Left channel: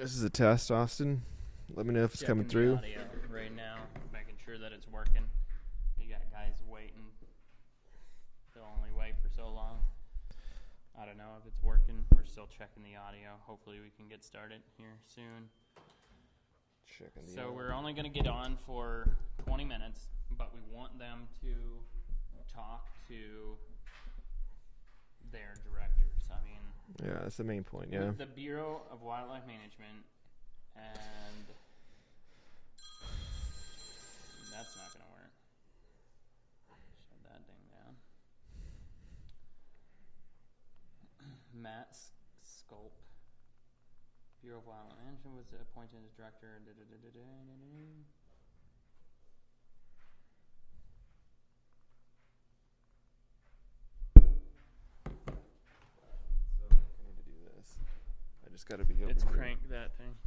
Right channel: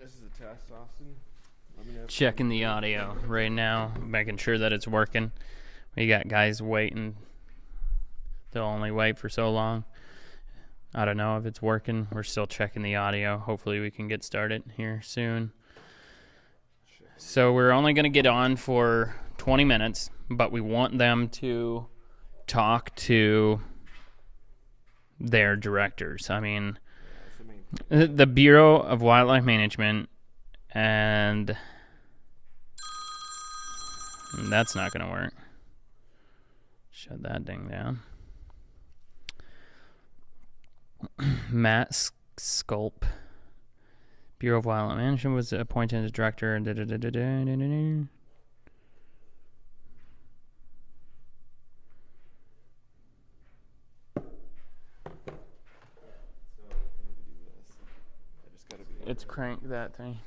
This is a test, Austin. Let me know if Checking it's the coming through. audio right now, making sure that it's working. We got guys waiting. They'll only wait for so long. I don't know if it's working. We're still checking the audio. Hopefully we can get started here soon. So we're only going to get on for 20 minutes, but we want them to talk to their directors. I mean, Yeah, that's the main point. the Bureau of Wildlife Management, and that's not going to work. Shut that ding down. Matt Sculp, Bureau of Wildlife Management, was appointed as director. Let's crank that thing.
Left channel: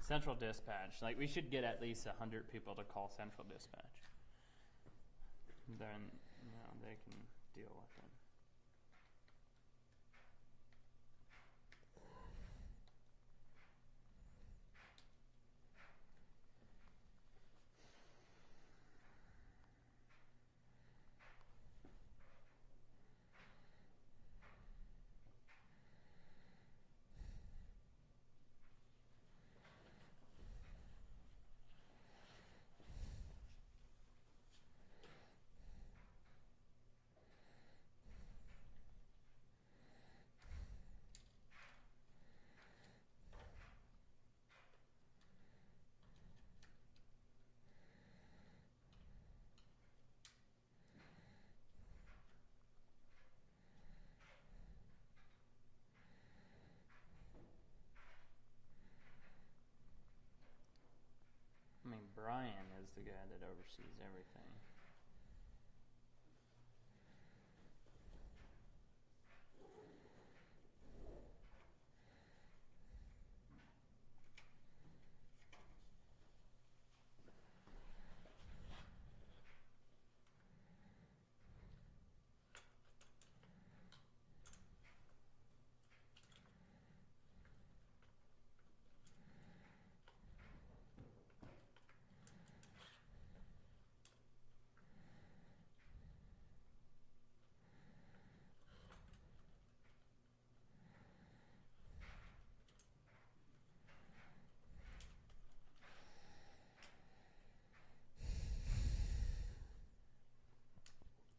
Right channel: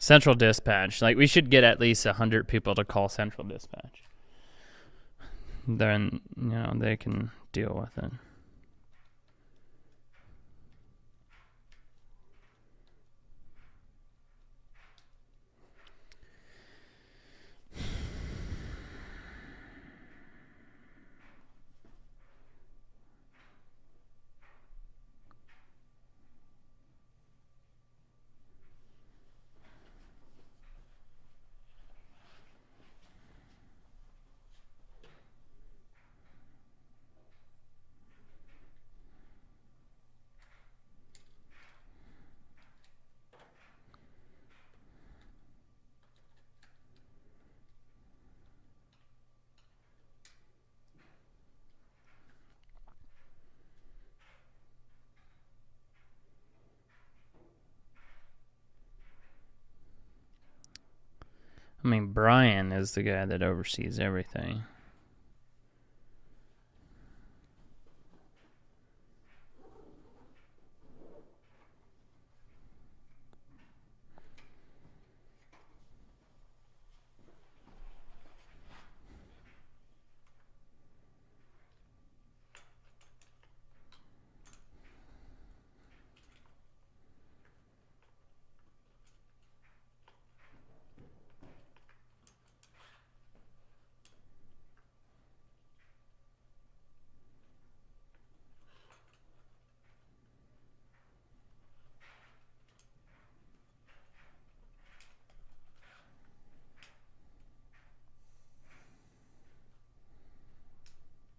Central Dispatch. Like, we should get at least 100 people to call Central Dispatch. Then, they can deal with it. I mean, Brian is the guy that oversees everything.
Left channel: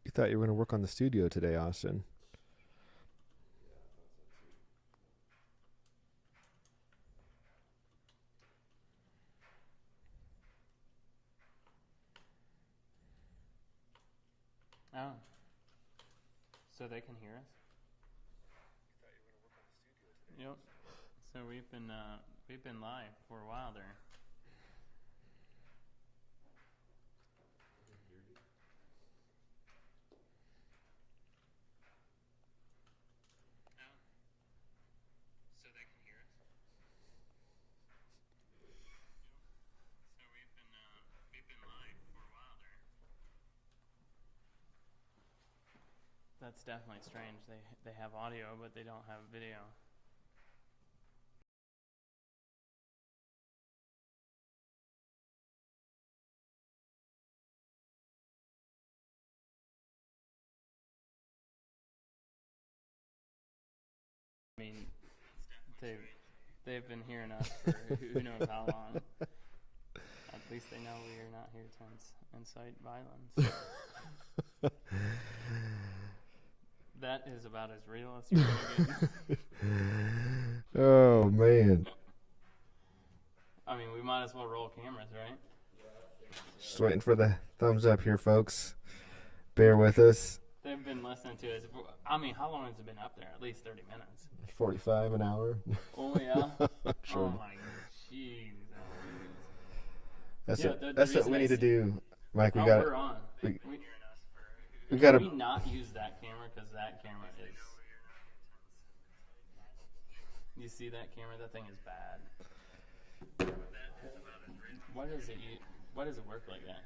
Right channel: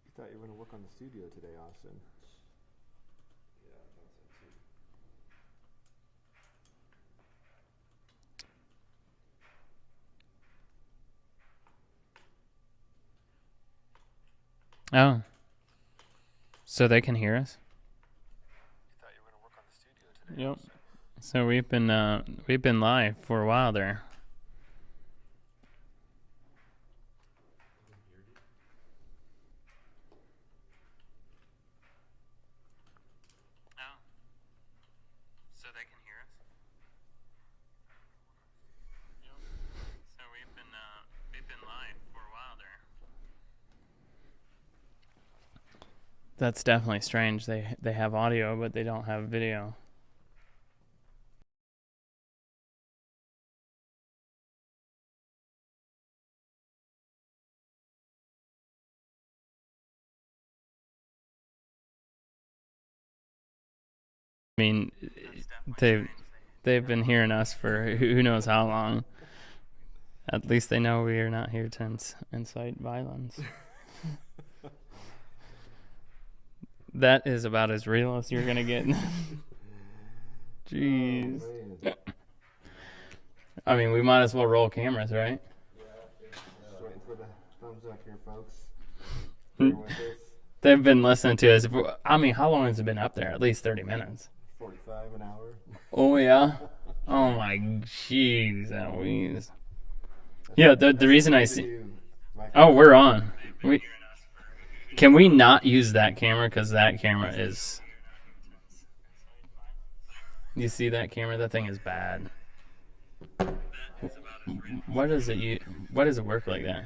You thought you were going to work on the studio today, Austin. Oh. So they can hear us? Yep. So we've been live for a while there. Oh. So they can hear us? Yep. So we've been live for a while there. That's definitely strange. They have audio, but they don't have video. I mean, they've been hearing us for who knows how long. At least they know we are not here to incite violence. That is about as real as you're gonna get. Oh, man. I mean, we might as well roll cameras, right? Just waiting for the thumbs up here, folks. Bear with us. They've been listening to us. I mean, how long has it been up there? At least 30 minutes. 45 an hour. Oh, yeah? Oh, my jeez. Yeah, the reason I see... Oh, we're on. Can we not use that camera? Because that camera is... You see that camera? That thing is bad. Why does it work like that?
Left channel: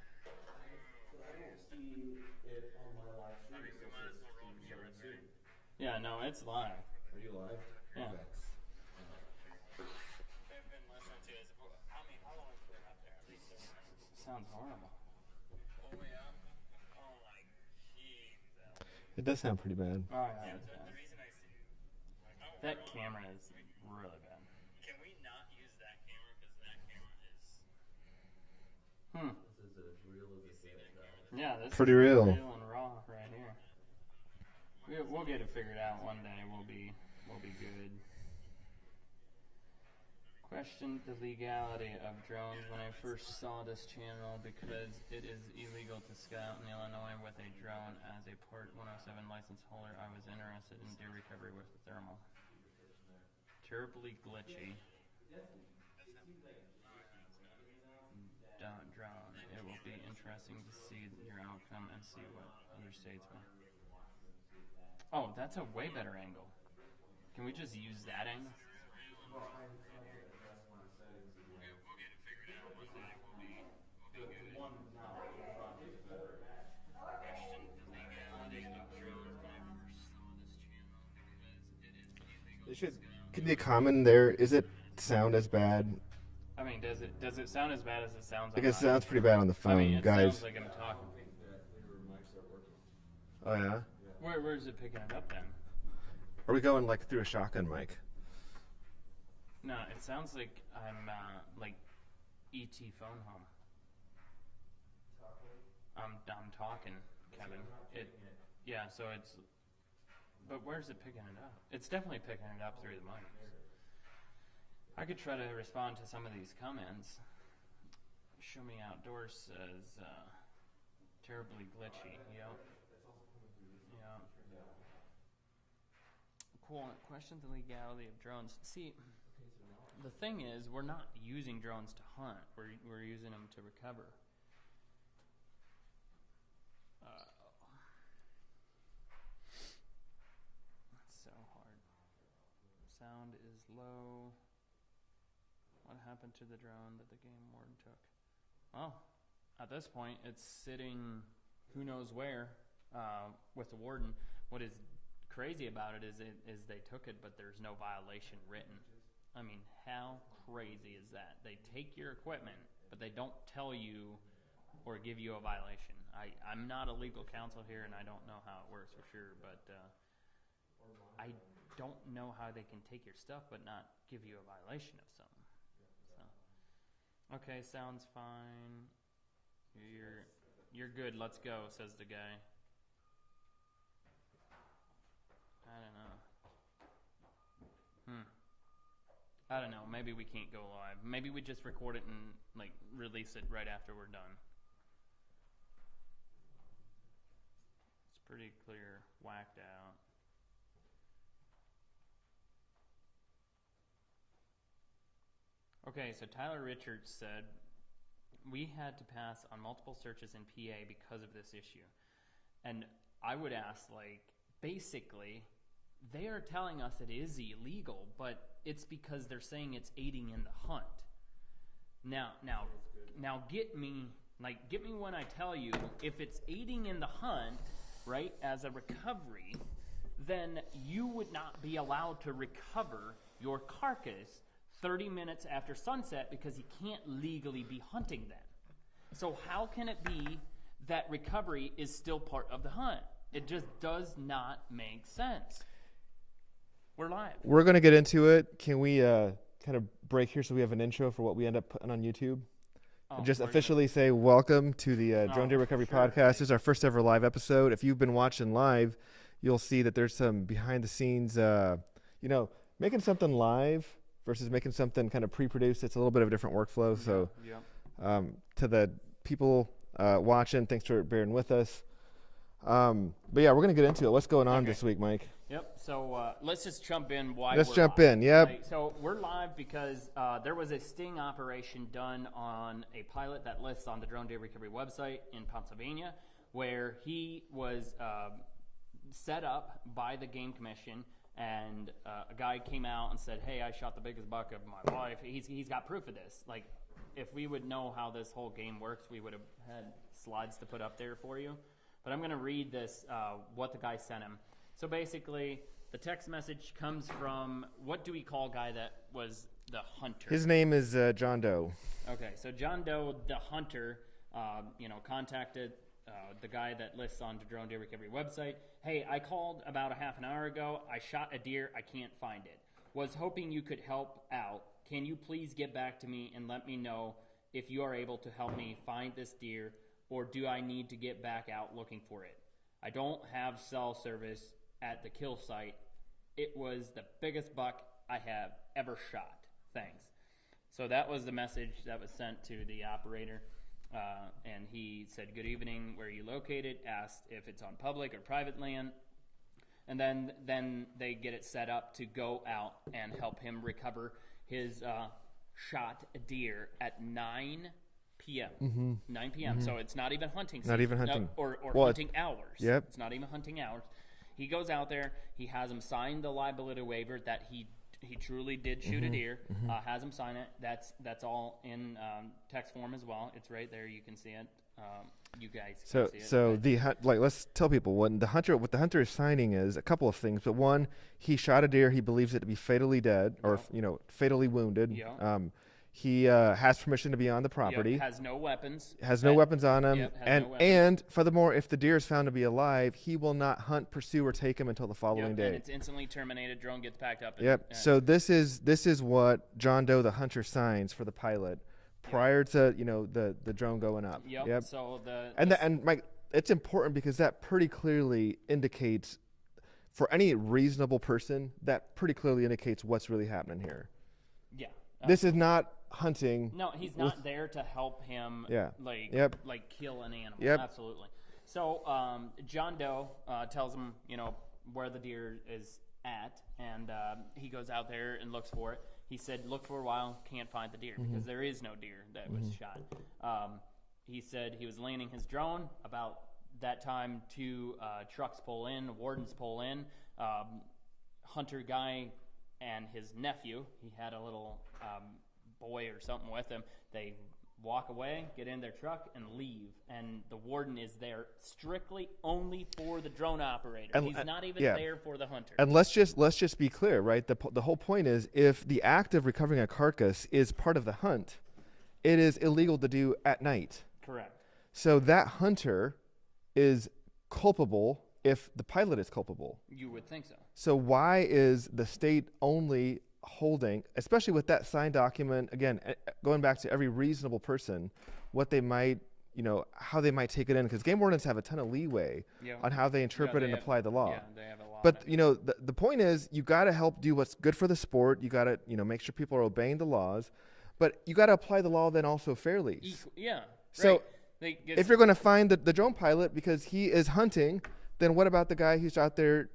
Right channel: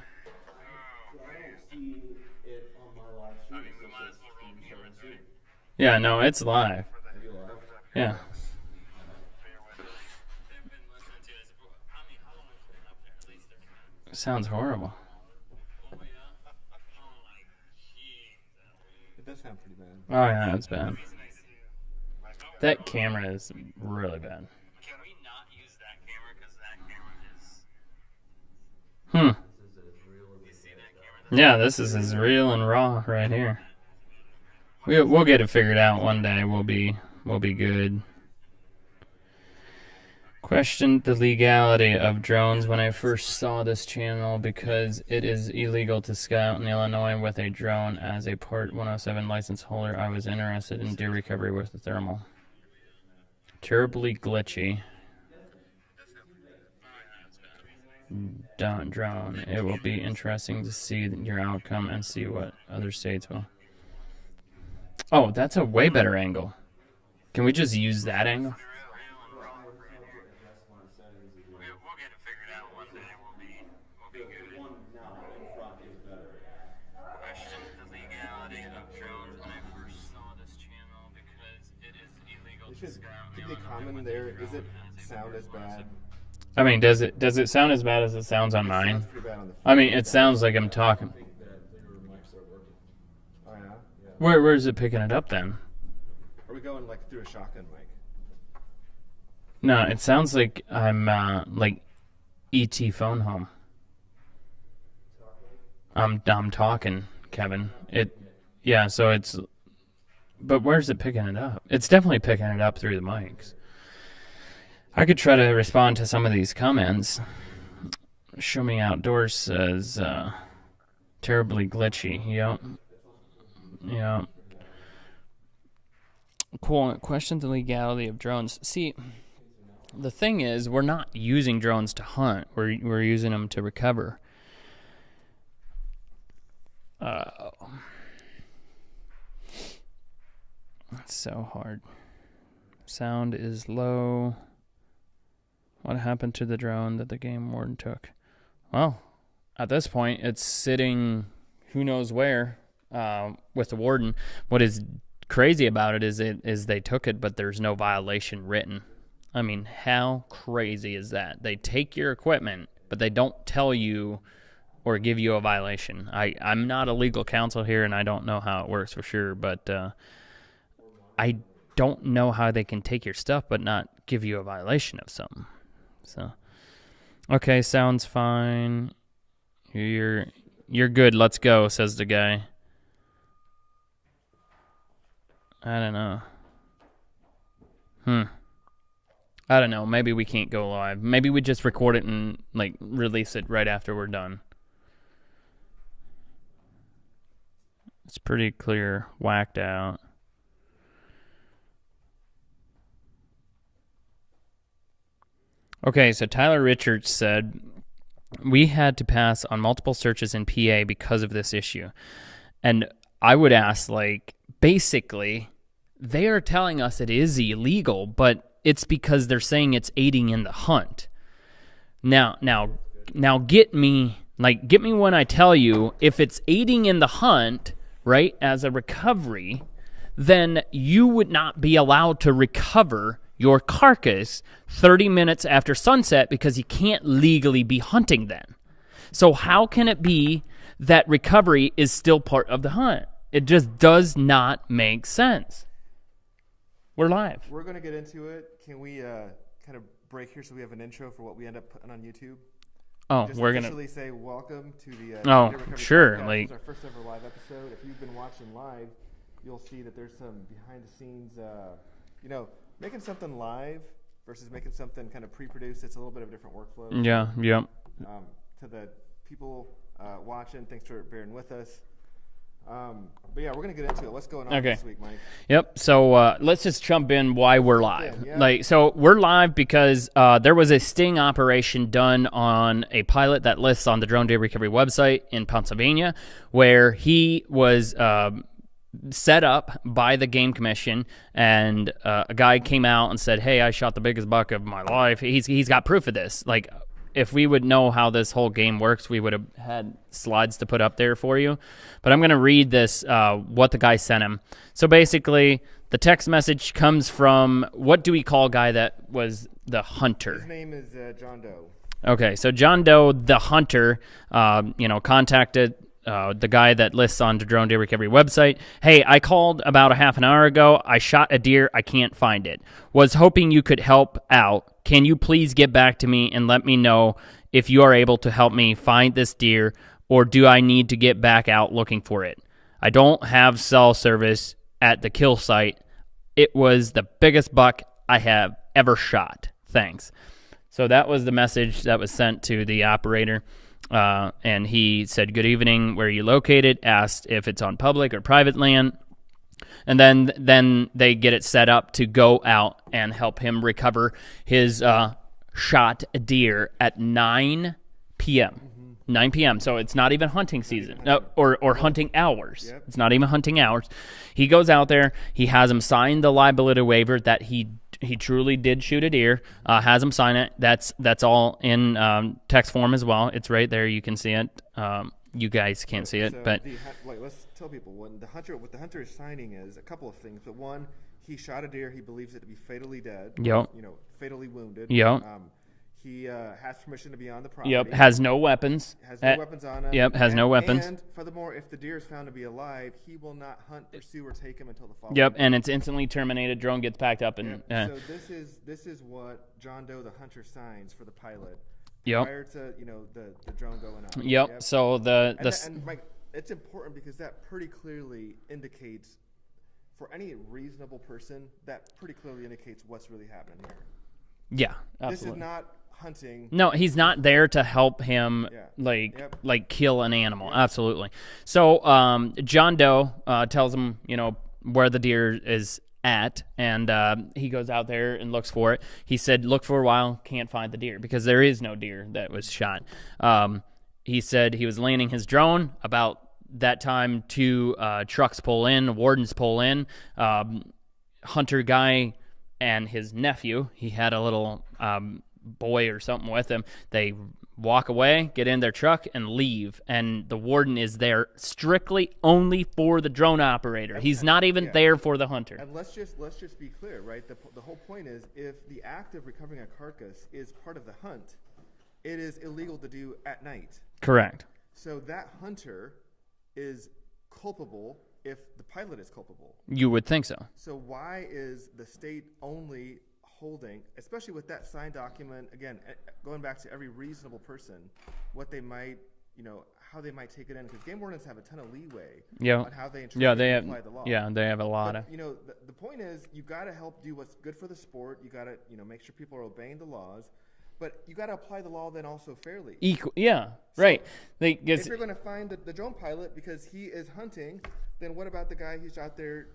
Yeah, no, it's live. Yeah. Sounds horrible. It does sound pretty bad. Oh yeah, that's bad. That camera is really bad. Can we not use that camera because that camera is? You see that camera? Yeah, this is Pretty as real. real and raw right here. We'll get it figured out one day. We'll be good. Questioned the legality of drones when I first saw this channel because it is illegal to scout in Illinois with a drone. As a Part 107 license holder, I was interested in deer recovery with the thermal. Terribly glitchy. Drone. It will be interesting to see your outcome and see what other states will. Oh, that's a way better angle. Can we just use that angle? We'll get it figured out one day. We'll be good. Questioned the legality of drones when I first saw this channel because it is illegal to scout. Could be a comment there. Is it sound as bad? I mean, does it sound as bad as it sounds on It mine? sounds pretty bad on the phone. I mean, you it guys. sounds like I'm talking. Oh yeah. Where is it picking it up then? Are we going like through a shotgun mic? No, it sounds like I'm like ET phone home. I'm talking, Kevin. Yeah, so it's. But where's it picking it up? It's definitely picking it up through the mics. I could try to respond to some of these comments. Show Me Outdoors says, terribly glitchy. Yep. Yeah. Cool. Question the legality of drones. See, the thing is, we're not using drones to hunt. We're using them to recover. It's so hard. Sound is low. What happened to the drone that the game warden took? Well, at this point, it's sitting who knows where with the warden. What is crazy about it is they took it, but there's no violation written. I mean, how crazy is that? They take your equipment, but they don't tell you or give you a violation. I'm not a legal counsel here, and I don't know how it works for sure, but I don't know how they can take your stuff but not give you a violation of something. So, okay, sounds fine. You're good. Let's go, says the guy. I don't know. I don't know. Maybe we can't go live. Maybe we just record it and like release it right after we're done. It's pretty clear, whacked out. Okay, so Tyler Richards said, we had to pass on multiple searches in PA because of this issue. And I would ask, like, basically, they are telling us it is illegal, but it's because they're saying it's aiding in the hunt. Now get me when I tell you, if it's aiding in the hunt, right, as a recovery, then you would not be allowed to recover your carcass 30 minutes after sunset because you can't legally be hunting then. So how can it be that recovery is still part of the hunt? It just does not make sense. We're live. We're going to get into it. Can we kind of break here so we have an intro for what we end up putting on YouTube? Oh, Just we're officially say welcome to the Oh, Deer Recovery sure, Podcast. like- This is our first ever live episode. If you've been watching live, you'll see that there's some behind the scenes, making something live versus making something kind of pre-produced. It's a little bit of a different workflow. So, Yeah. To the people watching, thanks for bearing with us. But yeah, we're going to get into it. What's going on Okay. this week, Mike? Yep. So let's just jump in why Let's we're jump live. in, yeah. Like, so we're live because there was a sting operation done on a pilot that lists on the Drone Deer Recovery website in Pennsylvania, where he was set up by the Game Commission, and a guy came out and said, "Hey, I shot the biggest buck of my life." He's got proof of this. Like, if we would know how this whole game works, we would have had slides to put up there for you. But I'm going to read this, what the guy sent him. So basically, the text message comes from, what do we call a guy that was the hunter? His name is John Doe. Okay, so John Doe, the hunter, contacted the guy that lists on the Drone Deer Recovery website. Hey, I called about a half an hour ago. I shot a deer. I can't find it. Was hoping you could help out. Can you please get back to me and let me know if you are able to help me find this deer, or do I need to get back out looking for it? I don't have cell service at the kill site. It was the biggest buck I have ever shot. Thanks. So that was the message that was sent to the operator. And he said, good evening, where are you located? Asked if it's on public or private land. And then they get it set up to go out and help him recover his shot deer at 9 p.m. 9 p.m. So it's not even hunting season. even No, hunting. or hunting hours. Yep. It's not even hunting hours. He goes out there. He has him sign the liability waiver that he truly did shoot a deer. Has him sign it. That's all in text form as well. It's right there. You can see it. You guys can't see it, So but let's tell people what the hunter is signing is a couple of things. But one, he shot a deer. He believes it to be fatally dead, or, Yep. fatally wounded. Yep. He has permission to be on the property. yep, has no weapons. Has no weapons on him. Yep, has no weapons. And furthermore, if the deer is found to be alive, he will not hunt, pursue, or take him until the following Yep, day. and it's instantly terminated. Drone gets packed up. And, Yep. So this is what John Doe, the hunter, signs for the pilot Yep. prior to the drone going up. Yep. So And Mike, it's important because that pretty clearly indicates, for any reasonable person, that pretty clearly indicates what's really happening here. yeah, This is absolutely. not hunting. No, he's not there to help him, Yeah. like like kill an animal. Yep. Absolutely. So John Doe tells him, where the deer is at, and he goes out there and looks for it. He said, look for a while, can't find the deer because there is no deer that was shot. He said he was landing his drone. About that time, 2 trucks pull in, wardens pull in. Hunter guy and his nephew, he had a little boy or something with him. They walk away, get in their truck, and leave. And the warden is there strictly only for the drone operator. He's not even yeah. there for the hunter. And let's just be clear, right? The whole point is, if the act of recovering a carcass is part of the hunt, it is illegal to do at night. Correct. So that hunter is culpable if the pilot is culpable. You would think so. So why is the state only holding, especially with that signed document, again, going back to every reasonable person, what they might, how they might take it in, because game wardens have a ton of leeway on how they interpret and apply the law. Yeah, they have a lot But of. the point is, you got to help do what's good for the sport. You got to make sure people are obeying the laws, but you got to apply the law then also fairly. Yeah, So, right. If you're going to find the drone pilot because he is hunting, then what about the guy who's out there,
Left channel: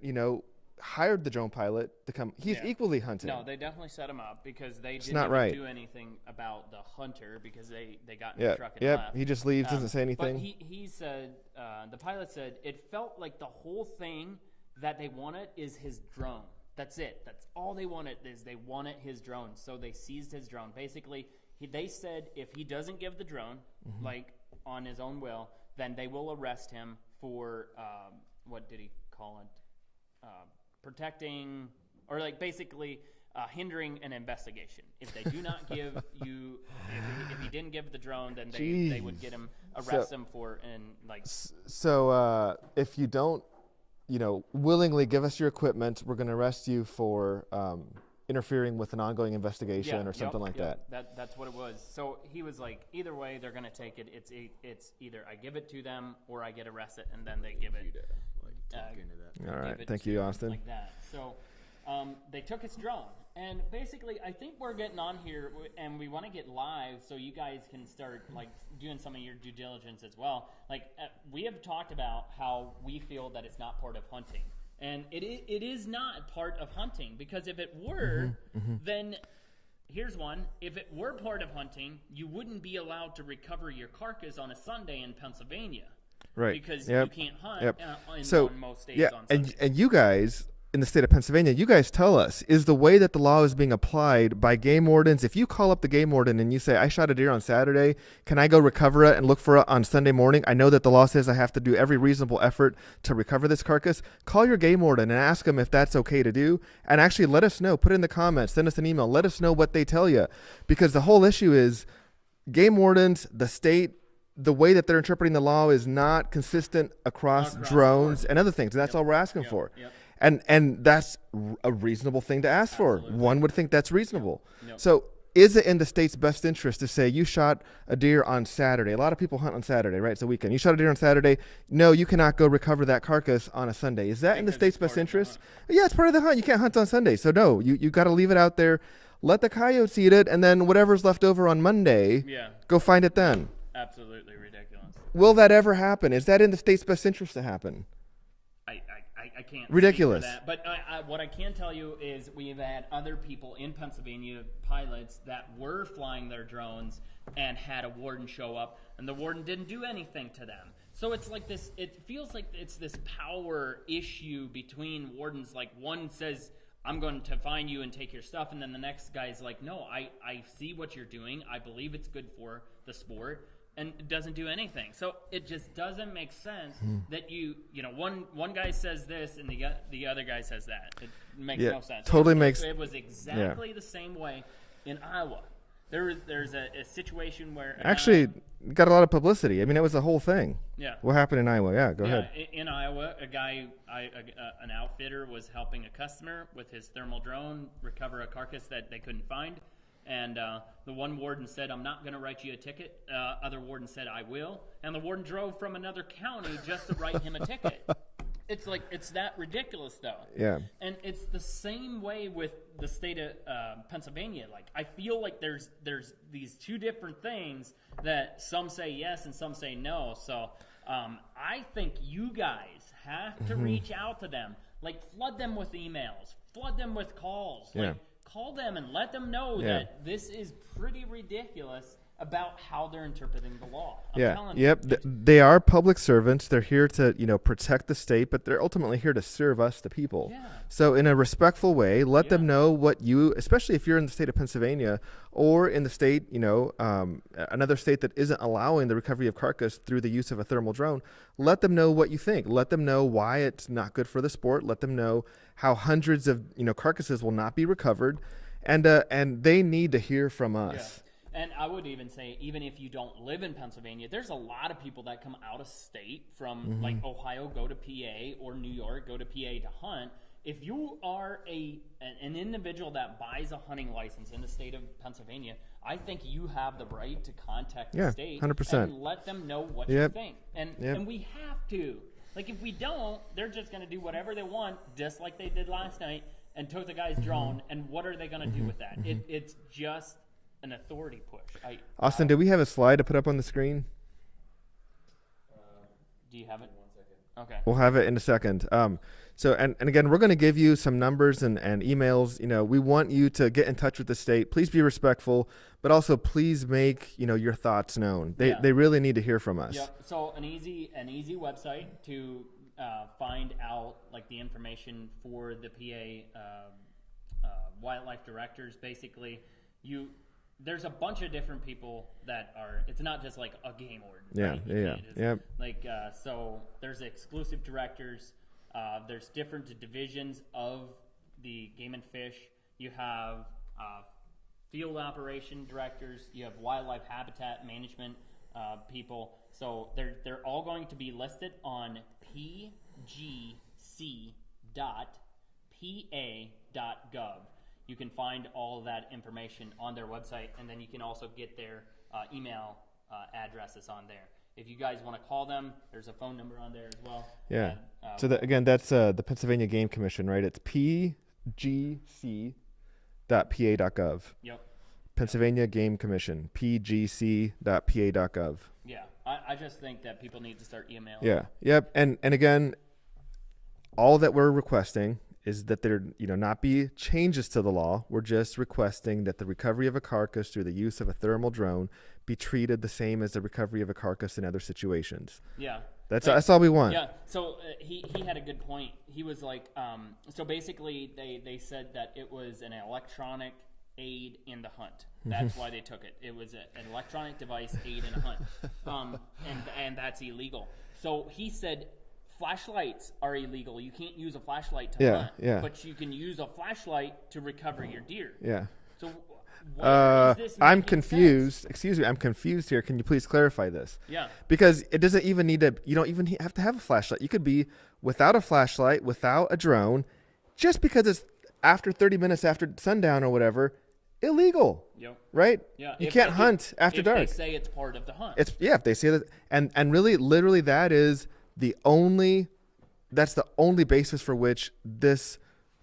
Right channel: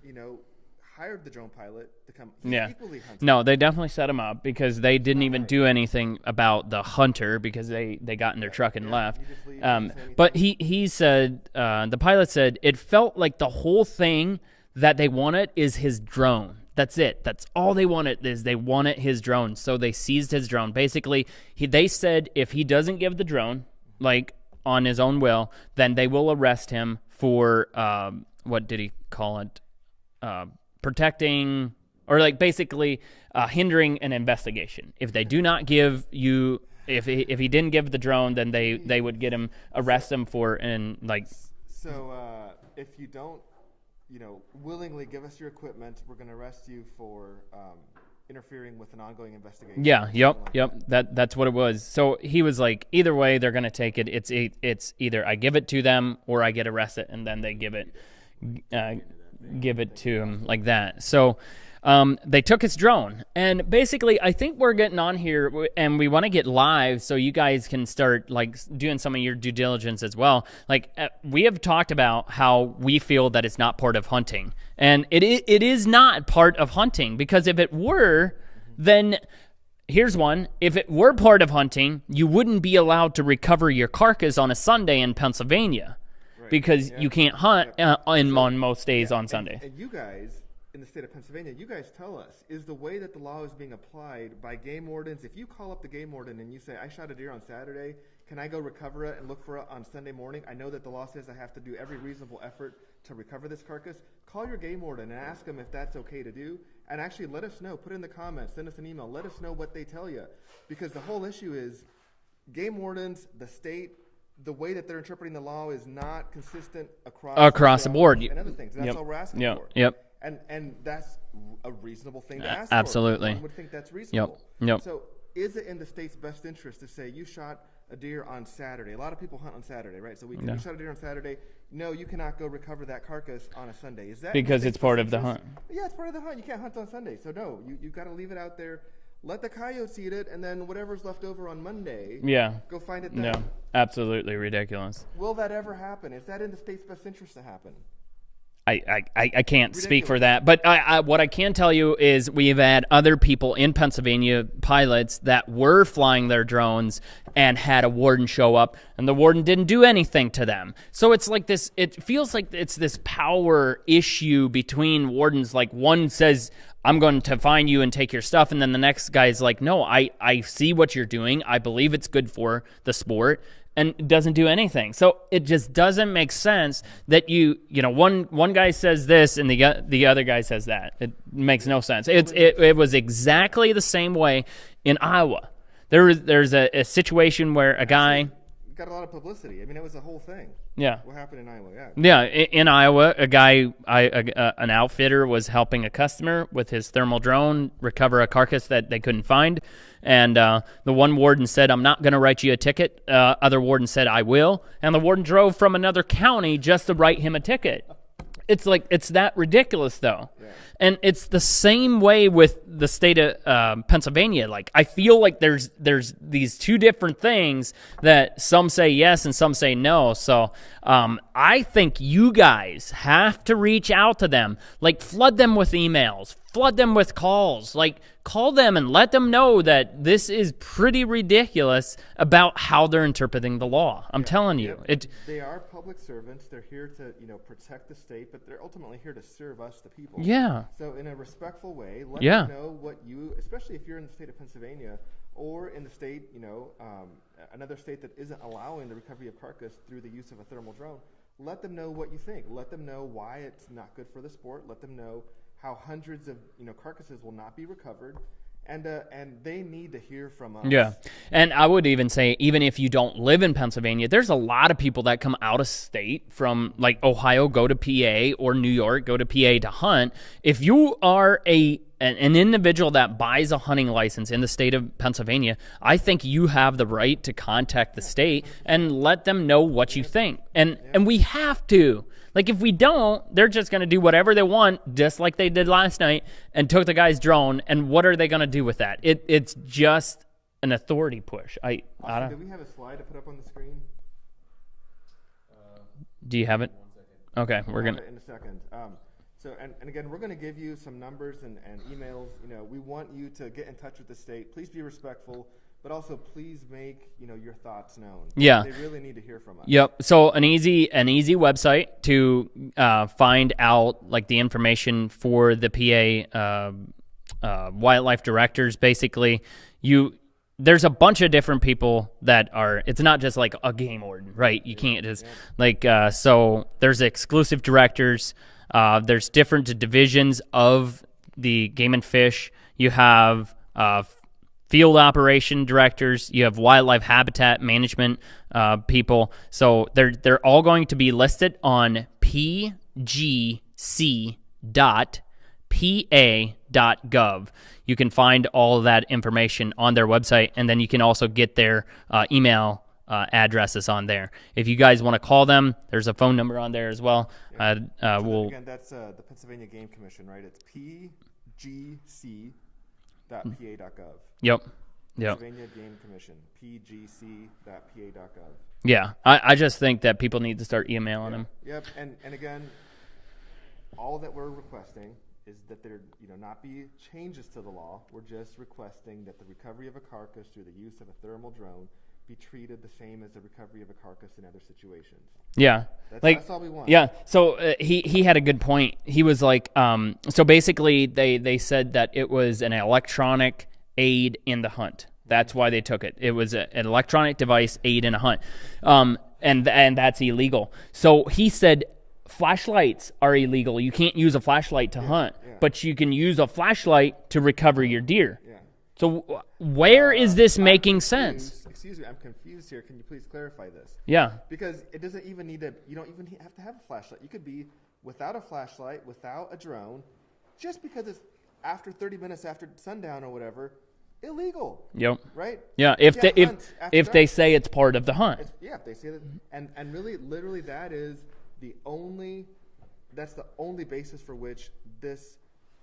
hired the drone pilot to come? He's equally hunting. No, they definitely set him up because they didn't not even right. do anything about the hunter because they got in their truck and left. He just leaves, doesn't say anything. But he said, the pilot said, it felt like the whole thing that they wanted is his drone. That's it. That's all they wanted is they wanted his drone. So they seized his drone. Basically, they said if he doesn't give the drone, like on his own will, then they will arrest him for, what did he call it? Protecting, or like basically hindering an investigation. If they do not give you, if he didn't give the drone, then they would get him, arrest him for, and like. So if you don't, willingly give us your equipment, we're going to arrest you for interfering with an ongoing investigation. Yeah. Or Yep. something like Yep. That. That's what it was. So he was like, either way, they're going to take it. It's either I give it to them or I get arrested, and then they give it. Give it thank to you, him Austin. like that. So they took his drone, and basically I think we're getting on here and we want to get live so you guys can start like doing some of your due diligence as well. Like we have talked about how we feel that it's not part of hunting, and it is not part of hunting, because if it were, then here's one. If it were part of hunting, you wouldn't be allowed to recover your carcass on a Sunday in Pennsylvania. Right. Because Yep. you can't hunt Yep. on most days on Sunday. And you guys in the state of Pennsylvania, you guys tell us, is the way that the law is being applied by game wardens. If you call up the game warden and you say, I shot a deer on Saturday, can I go recover it and look for it on Sunday morning? I know that the law says I have to do every reasonable effort to recover this carcass. Call your game warden and ask them if that's okay to do. And actually let us know, put it in the comments, send us an email, let us know what they tell you. Because the whole issue is game wardens, the state, the way that they're interpreting the law is not consistent across the drones board and other things. And that's Yep. all we're asking Yep. for. Yep. And that's a reasonable thing to ask for. Absolutely. One would think that's reasonable. Yep. So is it in the state's best interest to say you shot a deer on Saturday? A lot of people hunt on Saturday, right? It's a weekend. Yeah. You shot a deer on Saturday. No, you cannot go recover that carcass on a Sunday. Is that in the Because state's it's part best of the interest? hunt. Yeah, it's part of the hunt. You can't hunt on Sunday. So no, you got to leave it out there. Let the coyotes eat it, and then whatever's left over on Monday, Yeah. go find it then. No, absolutely ridiculous. Will that ever happen? Is that in the state's best interest to happen? I can't speak for Ridiculous. that, but what I can tell you is we've had other people in Pennsylvania, pilots that were flying their drones and had a warden show up, and the warden didn't do anything to them. So it's like this. It feels like it's this power issue between wardens. Like one says, I'm going to find you and take your stuff, and then the next guy's like, no, I see what you're doing. I believe it's good for the sport. And doesn't do anything. So it just doesn't make sense that you know, one guy says this and the other guy says that. It makes no sense. totally It was exactly the same way in Iowa. There's a situation where a Actually, guy, got a lot of publicity. I mean, it was a whole thing. yeah. What happened in Iowa? Yeah. go Yeah, ahead. in Iowa, a guy, an outfitter was helping a customer with his thermal drone recover a carcass that they couldn't find. And the one warden said, I'm not going to write you a ticket. Other warden said, I will. And the warden drove from another county just to write him a ticket. It's like, it's that ridiculous, though. Yeah. And it's the same way with the state of Pennsylvania. Like, I feel like there's these two different things that some say yes and some say no. So I think you guys have to reach out to them. Like, flood them with emails, flood them with calls. Like, call them and let them know that this is pretty ridiculous about how they're interpreting the law. I'm Yeah. telling you. Yep. They are public servants. They're here to, protect the state, but they're ultimately here to serve us, the people. Yeah. So in a respectful way, let Yeah. them know what you, especially if you're in the state of Pennsylvania or in the state, another state that isn't allowing the recovery of carcass through the use of a thermal drone, let them know what you think. Let them know why it's not good for the sport. Let them know how hundreds of, carcasses will not be recovered. And they need to hear from us. Yeah. And I would even say, even if you don't live in Pennsylvania, there's a lot of people that come out of state from like Ohio, go to PA, or New York, go to PA to hunt. If you are an individual that buys a hunting license in the state of Pennsylvania, I think you have the right to contact the Yeah, state 100%. and let them know what you Yep. think. And we have to. Like, if we don't, they're just going to do whatever they want, just like they did last night, and took the guy's drone. And what are they going to do with that? It's just an authority push. Austin, do we have a slide to put up on the screen? Do you have it? Okay. We'll have it in a second. So, and again, we're going to give you some numbers and emails. We want you to get in touch with the state. Please be respectful, but also please make, your thoughts known. They really need to hear from us. Yep. So an easy website to find out like the information for the PA wildlife directors. Basically, there's a bunch of different people that are. It's not just like a game warden, right? You can't just like. So there's exclusive directors. There's different divisions of the game and fish. You have field operation directors. You have wildlife habitat management people. So they're all going to be listed on pgc.pa.gov. You can find all of that information on their website, and then you can also get their email addresses on there. If you guys want to call them, there's a phone number on there as well. Yeah. Again, that's the Pennsylvania Game Commission, right? It's pgc.pa.gov. Yep. Pennsylvania Game Commission, pgc.pa.gov. Yeah. I just think that people need to start emailing them. Yep. And again, all that we're requesting is that there not be changes to the law. We're just requesting that the recovery of a carcass through the use of a thermal drone be treated the same as the recovery of a carcass in other situations. Yeah. That's all we want. Yeah. So he had a good point. He was like, so basically they said that it was an electronic aid in the hunt. That's why they took it. It was an electronic device aid in a hunt. And that's illegal. So he said flashlights are illegal. You can't use a flashlight to hunt, but you can use a flashlight to recover your deer. Yeah. So where is this making sense? Excuse me, I'm confused here. Can you please clarify this? Yeah. Because it doesn't even need to, you don't even have to have a flashlight. You could be without a flashlight, without a drone, just because it's after 30 minutes after sundown or whatever, illegal. Yep. Right? Yeah. You can't hunt after dark. They say it's part of the hunt. If they say that, and really, literally, that's the only basis for which this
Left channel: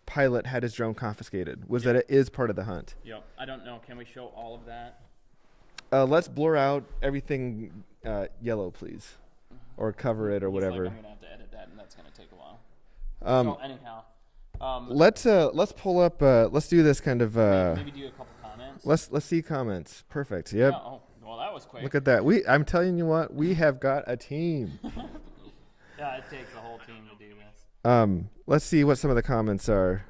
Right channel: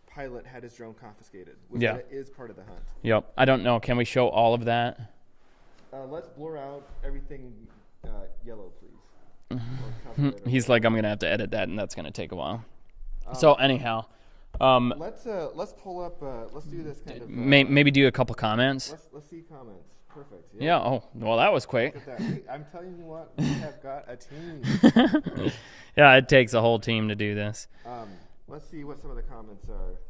pilot had his drone confiscated, was that it is part of the hunt. Yep. I don't know. Can we show all of that? Let's blur out everything yellow, please, or cover it. Or He's whatever. like, I'm gonna have to edit that, and that's gonna take a while. So anyhow, let's pull up. Let's do this kind of. maybe do a couple comments. Let's see comments. Perfect. Yep. Yeah. Oh, well, that was quick. Look at that. I'm telling you what, we have got a team. Yeah, it takes a whole team to do this. Let's see what some of the comments are.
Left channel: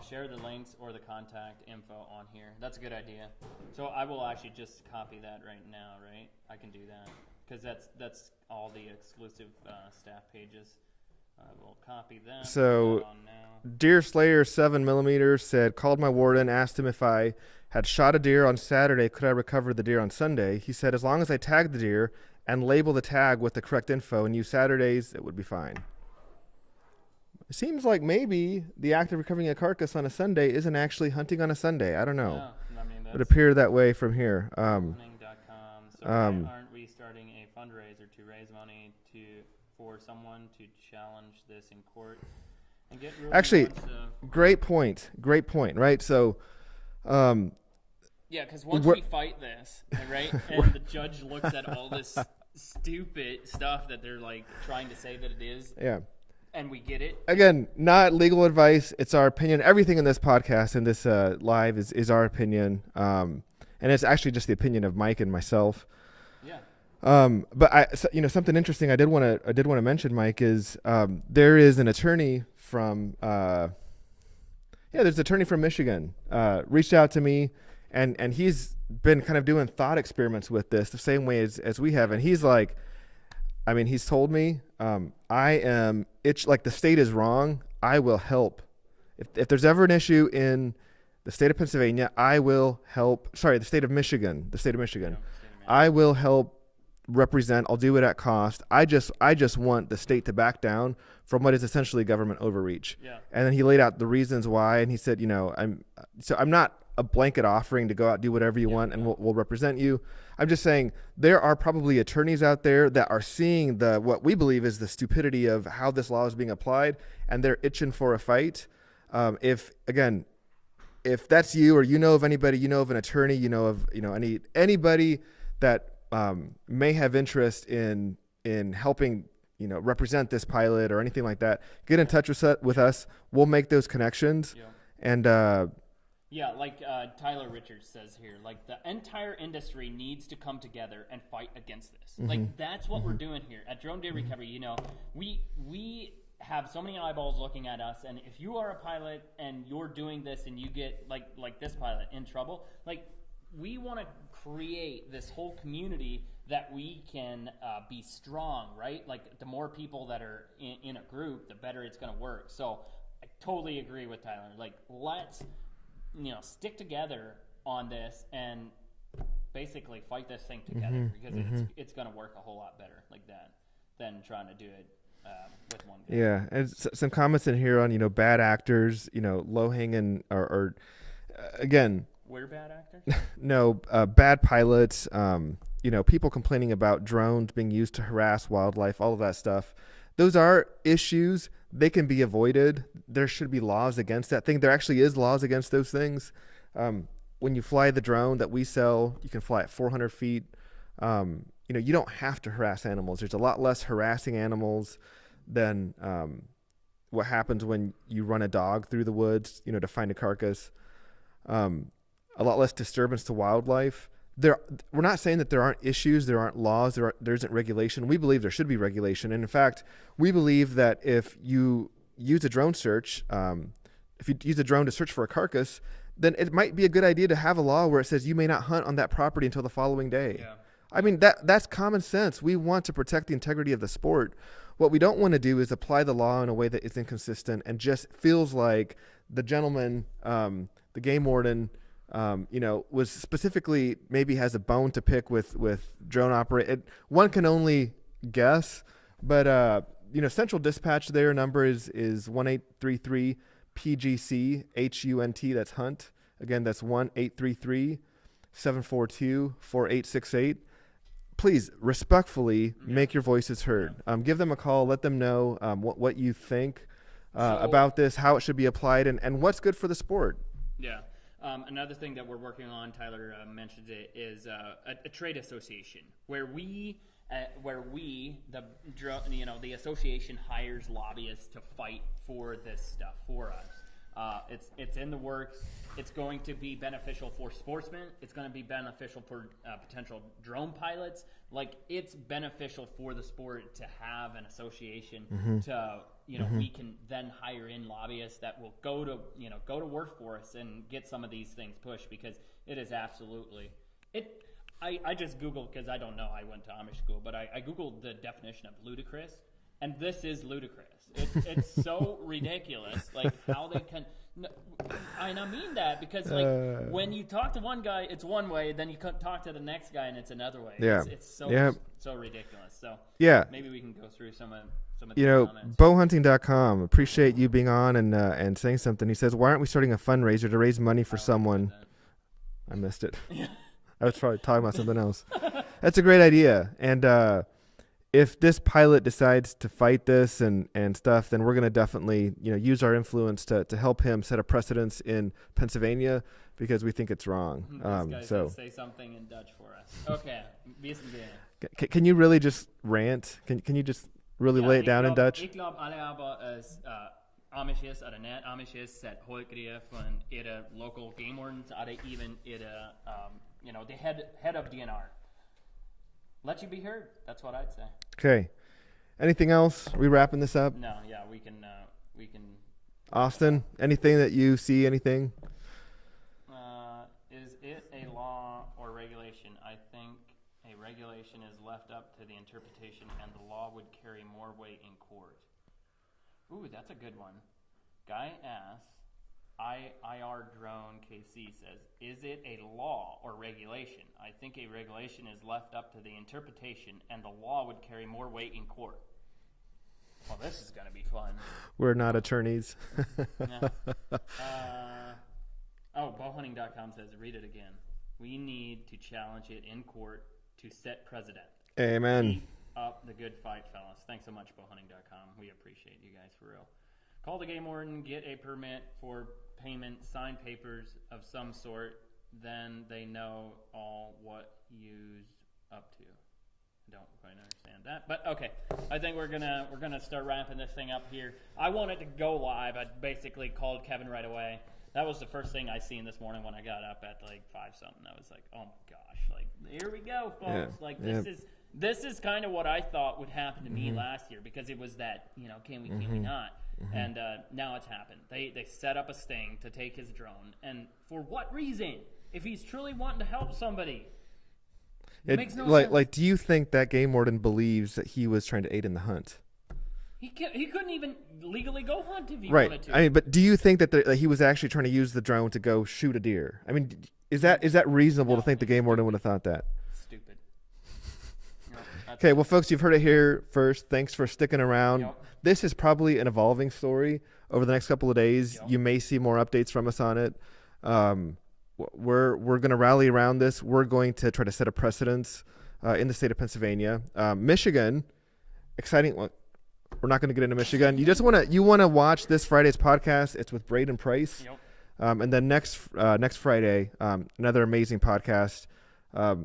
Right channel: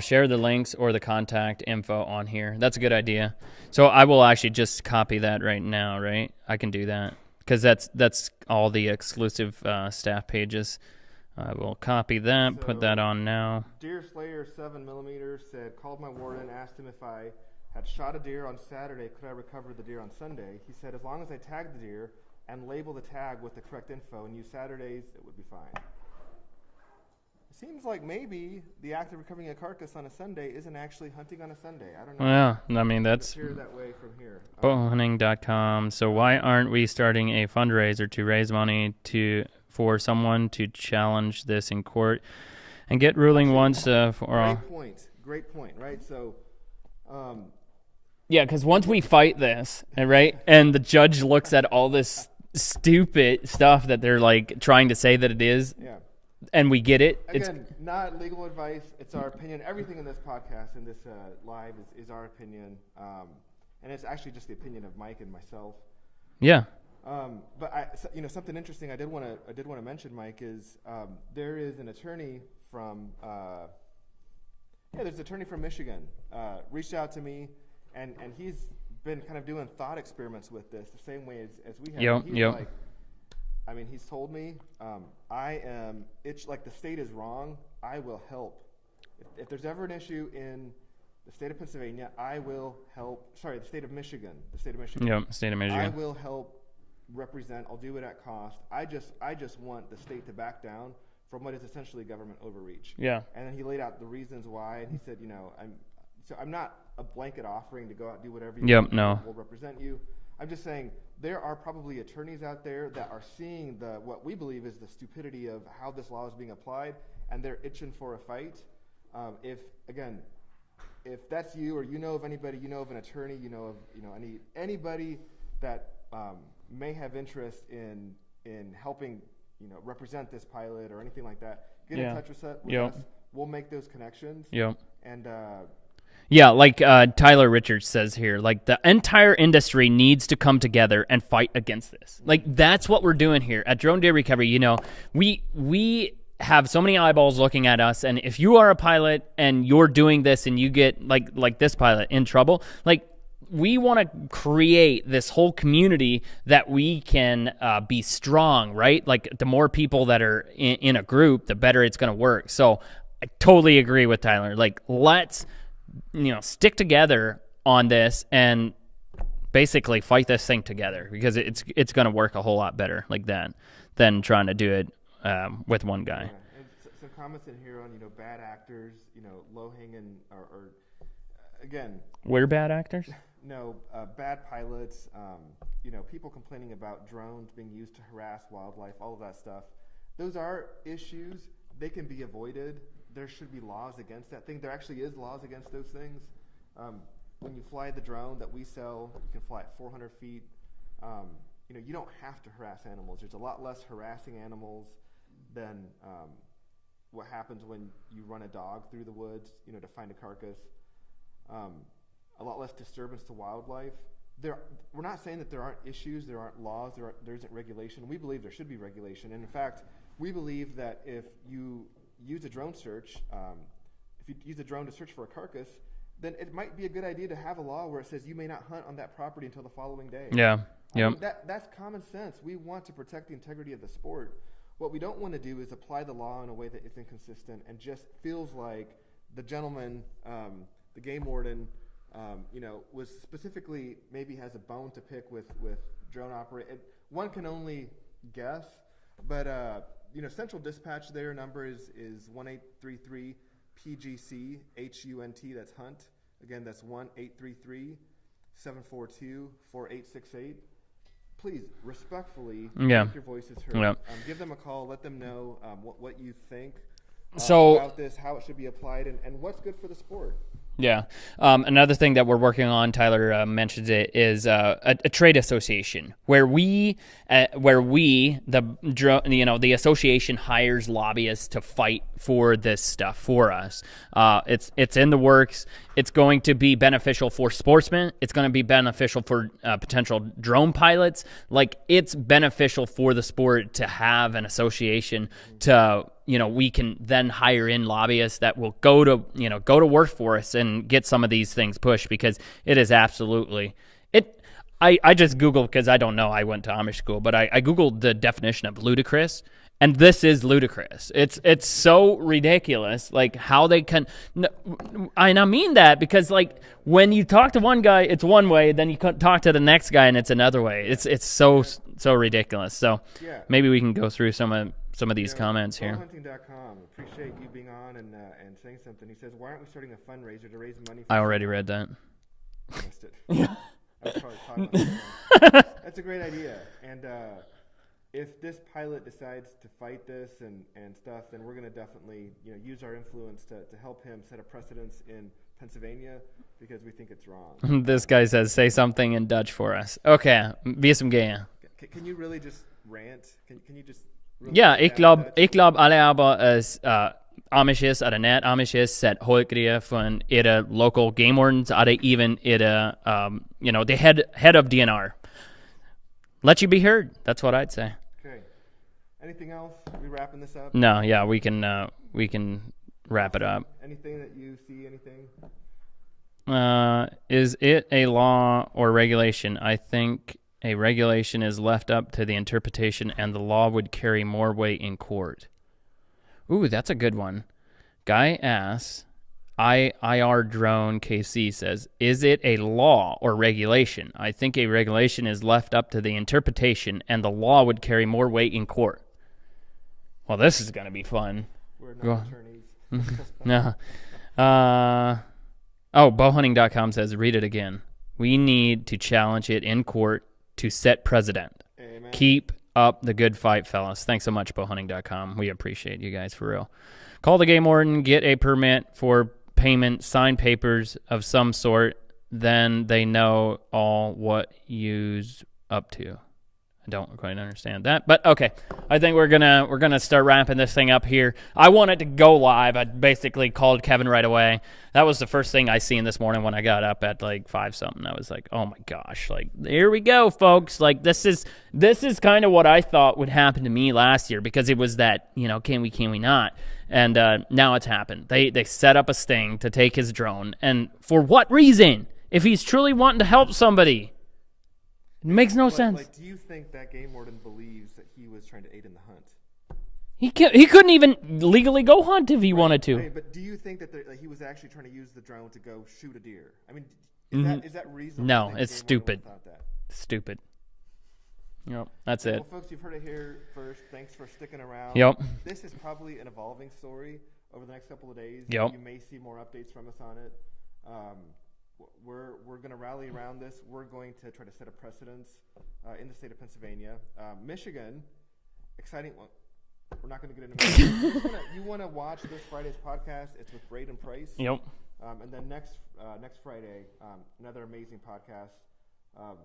Share the links or the contact info on here. That's a good idea. So I will actually just copy that right now, right? I can do that because that's all the exclusive staff pages. I will copy that, put that on now. Deer Slayer 7mm said, called my warden, asked him if I had shot a deer on Saturday, could I recover the deer on Sunday? He said, as long as I tag the deer and label the tag with the correct info and use Saturdays, it would be fine. It seems like maybe the act of recovering a carcass on a Sunday isn't actually hunting on a Sunday. I don't know. Yeah, I mean, It that's appeared that way from here. bowhunting.com. So why aren't we starting a fundraiser to raise money for someone to challenge this in court and get ruling Actually, once for Great point, right? So, yeah, because once we fight this, right, and the judge looks at all this stupid stuff that they're like trying to say that it is, yeah. and we get it. Again, not legal advice. It's our opinion. Everything in this podcast and this live is our opinion. And it's actually just the opinion of Mike and myself. Yeah. But something interesting I did want to mention, Mike, is there is an attorney from there's an attorney from Michigan reached out to me, and he's been kind of doing thought experiments with this the same way as we have. And he's like, I mean, he's told me, like the state is wrong. I will help. If there's ever an issue in the state of Pennsylvania, I will help. Sorry, the state of Michigan. Yep, state of Michigan. I will help represent. I'll do it at cost. I just want the state to back down from what is essentially government overreach. Yeah. And then he laid out the reasons why, and he said, I'm not a blanket offering to go out, do whatever you want, and we'll represent you. I'm just saying there are probably attorneys out there that are seeing what we believe is the stupidity of how this law is being applied, and they're itching for a fight. If that's you, or you know of anybody, you know of an attorney, anybody that may have interest in helping represent this pilot or anything like that, get in touch with us. We'll make those connections. Yeah. And yeah, like Tyler Richards says here, like the entire industry needs to come together and fight against this. Mm-hmm. Like that's what we're doing here at Drone Deer Recovery. We have so many eyeballs looking at us, and if you are a pilot and you're doing this and you get like this pilot in trouble, like we want to create this whole community that we can be strong, right? Like the more people that are in a group, the better it's going to work. So I totally agree with Tyler. Like let's stick together on this and basically fight this thing together, because it's going to work a whole lot better like that than trying to do it with one guy. Yeah, and some comments in here on bad actors, low hanging or again, we're bad actors. No, bad pilots. People complaining about drones being used to harass wildlife, all of that stuff. Those are issues. They can be avoided. There should be laws against that thing. There actually is laws against those things. When you fly the drone that we sell, you can fly at 400 feet. You don't have to harass animals. There's a lot less harassing animals than what happens when you run a dog through the woods, to find a carcass. A lot less disturbance to wildlife. we're not saying that there aren't issues, there aren't laws, there isn't regulation. We believe there should be regulation. And in fact, we believe that if you use a drone search, if you use a drone to search for a carcass, then it might be a good idea to have a law where it says you may not hunt on that property until the following day. Yeah. I mean, that's common sense. We want to protect the integrity of the sport. What we don't want to do is apply the law in a way that is inconsistent and just feels like the gentleman, the game warden, was specifically maybe has a bone to pick with drone operate. One can only guess, but Central Dispatch, their number is 1833 PGC HUNT. That's Hunt. Again, that's 1-833-742-4868. Please respectfully make your voices heard. Yeah. Give them a call. Let them know what you think So- about this, how it should be applied, and what's good for the sport. Yeah. Another thing that we're working on, Tyler mentions it, is a trade association where the association hires lobbyists to fight for this stuff for us. It's in the works. It's going to be beneficial for sportsmen. It's going to be beneficial for potential drone pilots. Like, it's beneficial for the sport to have an association to, we can then hire in lobbyists that will go to work for us and get some of these things pushed, because it is absolutely I just Googled, because I don't know, I went to Amish school, but I Googled the definition of ludicrous, and this is ludicrous. It's so ridiculous, like how they can, and I mean that because when you talk to one guy, it's one way, then you talk to the next guy and it's another way. Yeah. It's so ridiculous. So Yeah. maybe we can go through some of these comments here. Bowhunting.com. Appreciate you being on and saying something. He says, why aren't we starting a fundraiser to raise money for I someone? already read that. I missed it. I was probably talking about something else. That's a great idea. And if this pilot decides to fight this and stuff, then we're going to definitely use our influence to help him set a precedence in Pennsylvania, because we think it's wrong. This guy says, say something in Dutch for us. Okay, wie is hem gaan? Can you really just rant? Can you just really Ja, lay it ik down in Dutch? glaub alle aber as Amishes oder net Amishes set hoikrië van ihre local game wardens oder even ihre the head of DNR. Let you be heard. That's what I'd say. Okay. Anything else? Are we wrapping this up? No, yeah, we can wrap Austin, it up. anything that you see? Anything? Is it a law or regulation? I think a regulation is left up to the interpretation, and the law would carry more weight in court. Ooh, that's a good one. Guy asks, IR Drone KC says, is it a law or regulation? I think a regulation is left up to the interpretation, and the law would carry more weight in court. Well, this is going to be fun. We're not attorneys. No. Bowhunting.com says, read it again. We need to challenge it in court to set precedent. Amen. Keep up the good fight, fellas. Thanks so much, bowhunting.com. We appreciate you guys for real. Call the game warden, get a permit for payment, sign papers of some sort, then they know all what you's up to. I don't quite understand that, but okay. I think we're gonna start wrapping this thing up here. I wanted to go live. I basically called Kevin right away. That was the first thing I seen this morning when I got up at like 5-something. I was like, oh my gosh, like here we go, folks. Yeah. Like this is kind of what I thought would happen to me last year, because it was that, can we not? And now it's happened. They set up a sting to take his drone, and for what reason? If he's truly wanting to help somebody. It makes no sense. Like, do you think that game warden believes that he was trying to aid in the hunt? He couldn't even legally go hunt if he wanted to. I mean, but do you think that he was actually trying to use the drone to go shoot a deer? I mean, is that reasonable No, to think the it's game warden would stupid. have thought that? Stupid. Yep, that's Okay, it. well, folks, you've heard it here first. Thanks for sticking around. Yep. This is probably an evolving story over the next couple of days. Yep. You may see more updates from us on it. We're going to rally around this. We're going to try to set a precedence in the state of Pennsylvania. Michigan, exciting. Well, we're not going to get into Michigan. You want to watch this Friday's podcast. It's with Braden Price. Yep. And then next Friday, another amazing podcast.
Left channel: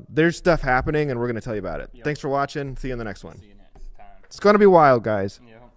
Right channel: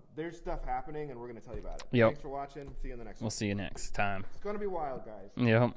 There's stuff happening, and we're going to tell you about it. Yep. Thanks for watching. See you in the next We'll one. see you next time. It's going to be wild, guys. Yep.